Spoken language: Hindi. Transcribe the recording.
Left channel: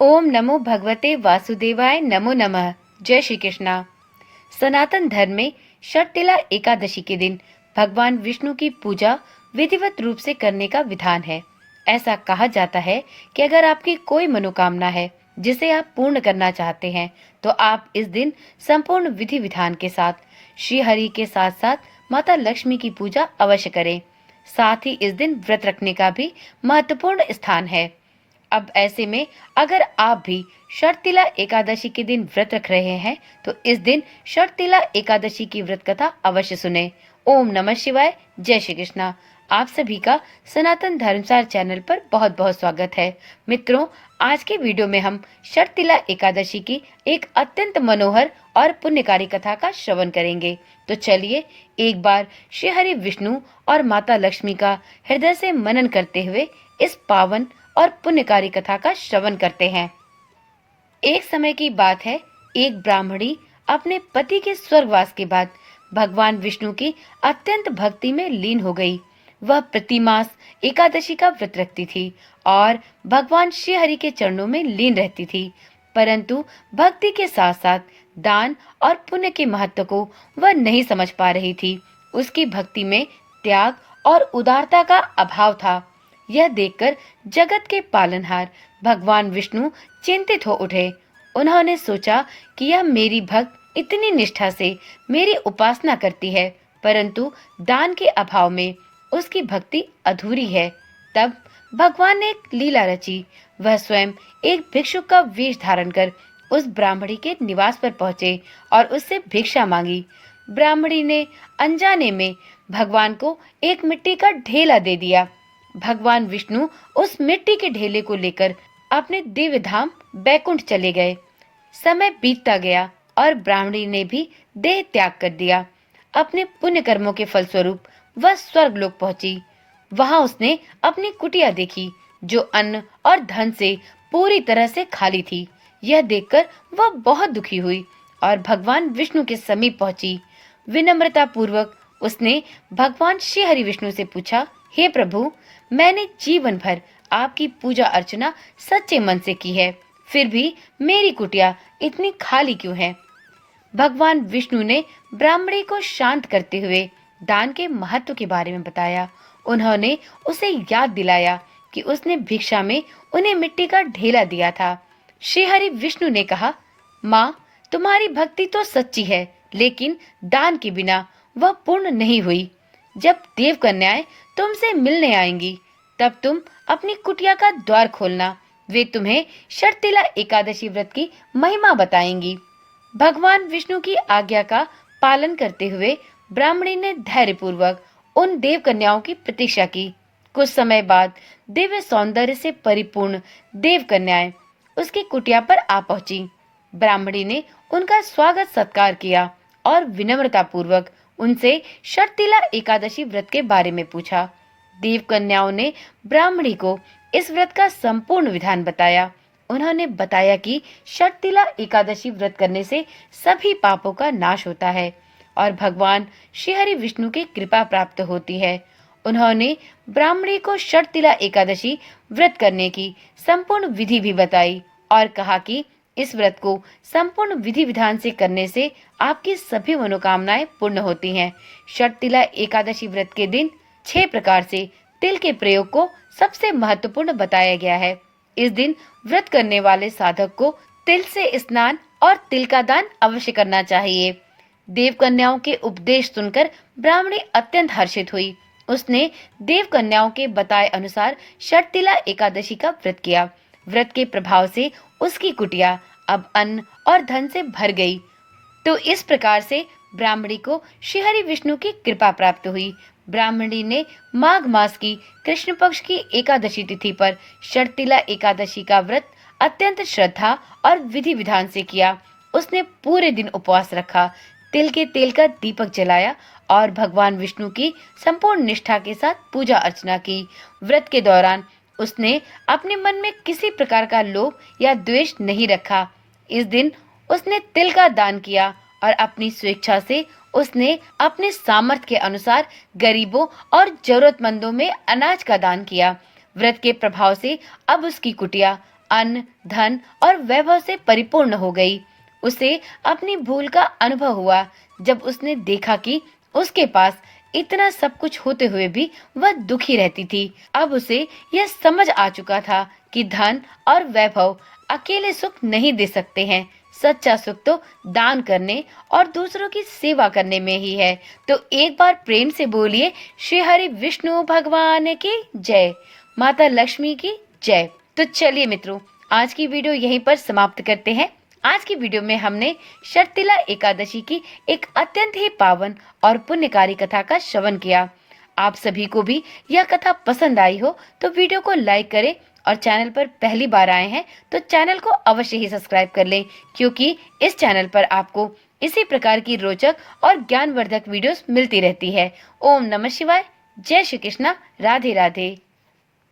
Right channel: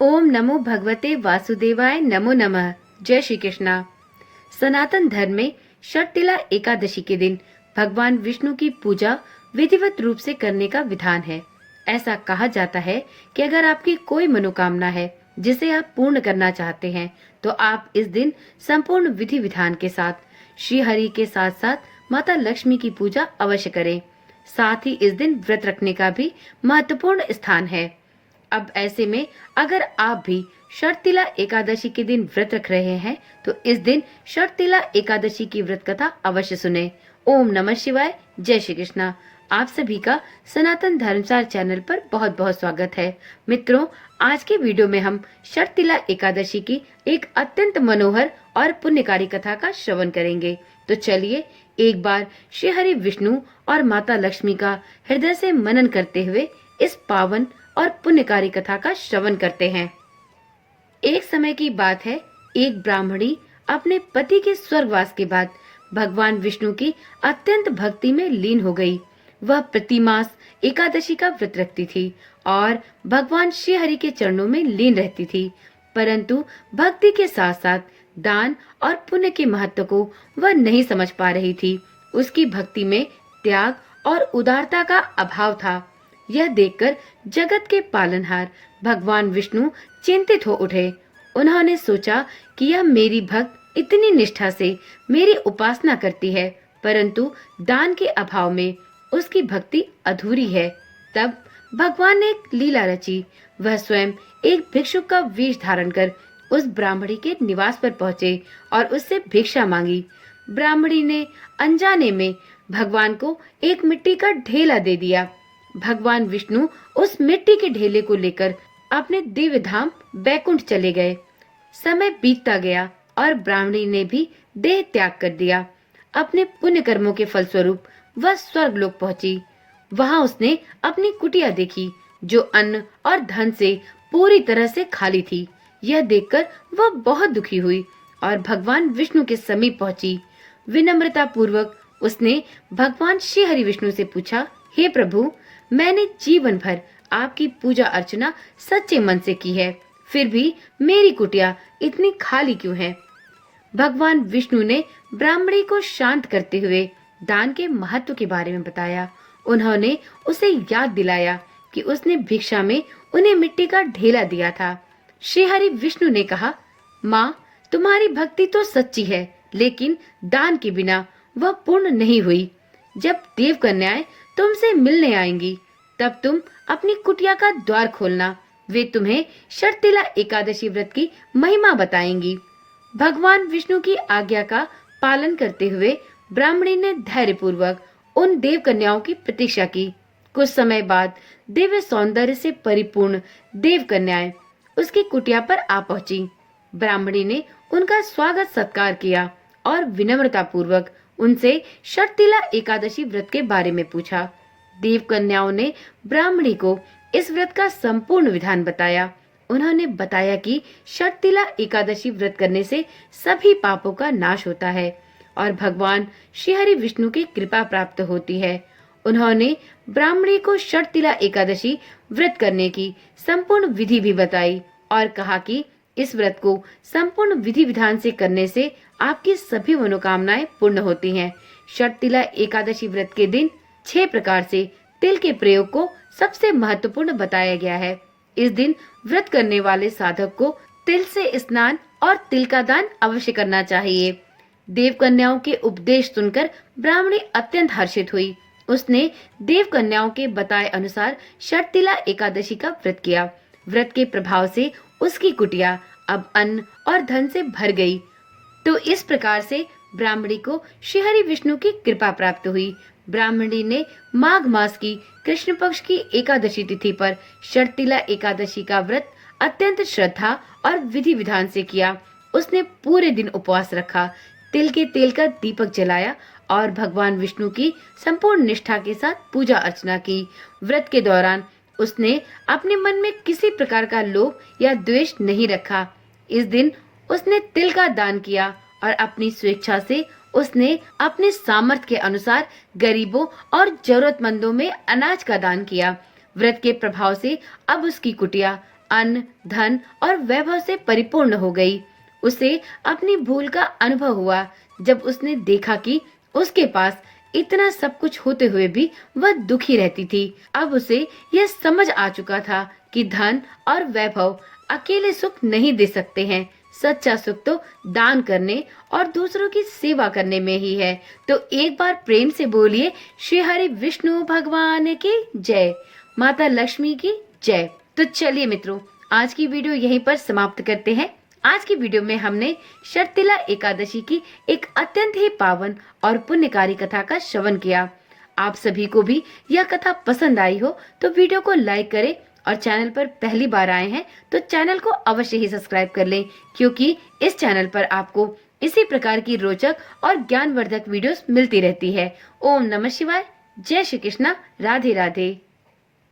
ओम नमो भगवते वासुदेवाय नमो नमः। जय श्री कृष्णा। सनातन धर्म में षटतिला एकादशी के दिन भगवान विष्णु की पूजा विधिवत रूप से करने का विधान है। ऐसा कहा जाता है कि अगर आपकी कोई मनोकामना है जिसे आप पूर्ण करना चाहते हैं, तो आप इस दिन संपूर्ण विधि विधान के साथ श्री हरि के साथ साथ माता लक्ष्मी की पूजा अवश्य करें। साथ ही इस दिन व्रत रखने का भी महत्वपूर्ण स्थान है। अब ऐसे में अगर आप भी षटतिला एकादशी के दिन व्रत रख रहे हैं, तो इस दिन षटतिला एकादशी की व्रत कथा अवश्य सुने। ओम नमः शिवाय। जय श्री कृष्णा। आप सभी का सनातन धर्मसार चैनल पर बहुत बहुत स्वागत है। मित्रों, आज के वीडियो में हम षटतिला एकादशी की एक अत्यंत मनोहर और पुण्यकारी कथा का श्रवण करेंगे। तो चलिए एक बार श्री हरि विष्णु और माता लक्ष्मी का हृदय से मनन करते हुए इस पावन और पुण्यकारी कथा का श्रवण करते हैं। एक समय की बात है, एक ब्राह्मणी अपने पति के स्वर्गवास के बाद भगवान विष्णु की अत्यंत भक्ति में लीन हो गई। वह प्रतिमास एकादशी का व्रत रखती थी और भगवान श्री हरि के चरणों में लीन रहती थी, परंतु भक्ति के साथ साथ दान और पुण्य के महत्व को वह नहीं समझ पा रही थी। उसकी भक्ति में त्याग और उदारता का अभाव था। यह देखकर जगत के पालनहार भगवान विष्णु चिंतित हो उठे। उन्होंने सोचा कि यह मेरी भक्त इतनी निष्ठा से मेरी उपासना करती है, परंतु दान के अभाव में उसकी भक्ति अधूरी है। तब भगवान ने एक लीला रची। वह स्वयं एक भिक्षुक का वेश धारण कर उस ब्राह्मणी के निवास पर पहुँचे और उससे भिक्षा मांगी। ब्राह्मणी ने अनजाने में भगवान को एक मिट्टी का ढेला दे दिया। भगवान विष्णु उस मिट्टी के ढेले को लेकर अपने दिव्य धाम बैकुंठ चले गए। समय बीतता गया और ब्राह्मणी ने भी देह त्याग कर दिया। अपने पुण्य कर्मों के फलस्वरूप वह स्वर्गलोक पहुंची। वहां उसने अपनी कुटिया देखी, जो अन्न और धन से पूरी तरह से खाली थी। यह देखकर वह बहुत दुखी हुई और भगवान विष्णु के समीप पहुंची। विनम्रता पूर्वक उसने भगवान श्री हरि विष्णु से पूछा, हे प्रभु, मैंने जीवन भर आपकी पूजा अर्चना सच्चे मन से की है, फिर भी मेरी कुटिया इतनी खाली क्यों है? भगवान विष्णु ने ब्राह्मणी को शांत करते हुए दान के महत्व के बारे में बताया। उन्होंने उसे याद दिलाया कि उसने भिक्षा में उन्हें मिट्टी का ढेला दिया था। श्री हरि विष्णु ने कहा, माँ, तुम्हारी भक्ति तो सच्ची है, लेकिन दान के बिना वह पूर्ण नहीं हुई। जब देव कन्याएं तुमसे मिलने आएंगी, तब तुम अपनी कुटिया का द्वार खोलना। वे तुम्हें षटतिला एकादशी व्रत की महिमा बताएंगी। भगवान विष्णु की आज्ञा का पालन करते हुए ब्राह्मणी ने धैर्य पूर्वक उन देव कन्याओं की प्रतीक्षा की। कुछ समय बाद दिव्य सौंदर्य से परिपूर्ण देव कन्याएं उसकी कुटिया पर आ पहुंची। ब्राह्मणी ने उनका स्वागत सत्कार किया और विनम्रता पूर्वक उनसे षटतिला एकादशी व्रत के बारे में पूछा। देव कन्याओं ने ब्राह्मणी को इस व्रत का संपूर्ण विधान बताया। उन्होंने बताया कि षटतिला एकादशी व्रत करने से सभी पापों का नाश होता है और भगवान श्री हरि विष्णु की कृपा प्राप्त होती है। उन्होंने ब्राह्मणी को षटतिला एकादशी व्रत करने की संपूर्ण विधि भी बताई और कहा कि इस व्रत को संपूर्ण विधि विधान से करने से आपकी सभी मनोकामनाएं पूर्ण होती हैं। षटतिला एकादशी व्रत के दिन 6 प्रकार से तिल के प्रयोग को सबसे महत्वपूर्ण बताया गया है। इस दिन व्रत करने वाले साधक को तिल से स्नान और तिल का दान अवश्य करना चाहिए। देव कन्याओं के उपदेश सुनकर ब्राह्मणी अत्यंत हर्षित हुई। उसने देव कन्याओं के बताए अनुसार षटतिला एकादशी का व्रत किया। व्रत के प्रभाव से उसकी कुटिया अब अन्न और धन से भर गई। तो इस प्रकार से ब्राह्मणी को श्री हरि विष्णु की कृपा प्राप्त हुई। ब्राह्मणी ने माघ मास की कृष्ण पक्ष की एकादशी तिथि पर षटतिला एकादशी का व्रत अत्यंत श्रद्धा और विधि विधान से किया। उसने पूरे दिन उपवास रखा, तिल के तेल का दीपक जलाया और भगवान विष्णु की संपूर्ण निष्ठा के साथ पूजा अर्चना की। व्रत के दौरान उसने अपने मन में किसी प्रकार का लोभ या द्वेष नहीं रखा। इस दिन उसने तिल का दान किया और अपनी स्वेच्छा से उसने अपने सामर्थ्य के अनुसार गरीबों और जरूरतमंदों में अनाज का दान किया। व्रत के प्रभाव से अब उसकी कुटिया अन्न, धन और वैभव से परिपूर्ण हो गई। उसे अपनी भूल का अनुभव हुआ जब उसने देखा कि उसके पास इतना सब कुछ होते हुए भी वह दुखी रहती थी। अब उसे यह समझ आ चुका था कि धन और वैभव अकेले सुख नहीं दे सकते हैं। सच्चा सुख तो दान करने और दूसरों की सेवा करने में ही है। तो एक बार प्रेम से बोलिए, श्री हरि विष्णु भगवान की जय, माता लक्ष्मी की जय। तो चलिए मित्रों, आज की वीडियो यहीं पर समाप्त करते हैं। आज की वीडियो में हमने शर्तिला एकादशी की एक अत्यंत ही पावन और पुण्यकारी कथा का श्रवण किया। आप सभी को भी यह कथा पसंद आई हो तो वीडियो को लाइक करें और चैनल पर पहली बार आए हैं तो चैनल को अवश्य ही सब्सक्राइब कर लें, क्योंकि इस चैनल पर आपको इसी प्रकार की रोचक और ज्ञानवर्धक वीडियोस मिलती रहती है। ओम नमः शिवाय, जय श्री कृष्णा, राधे राधे।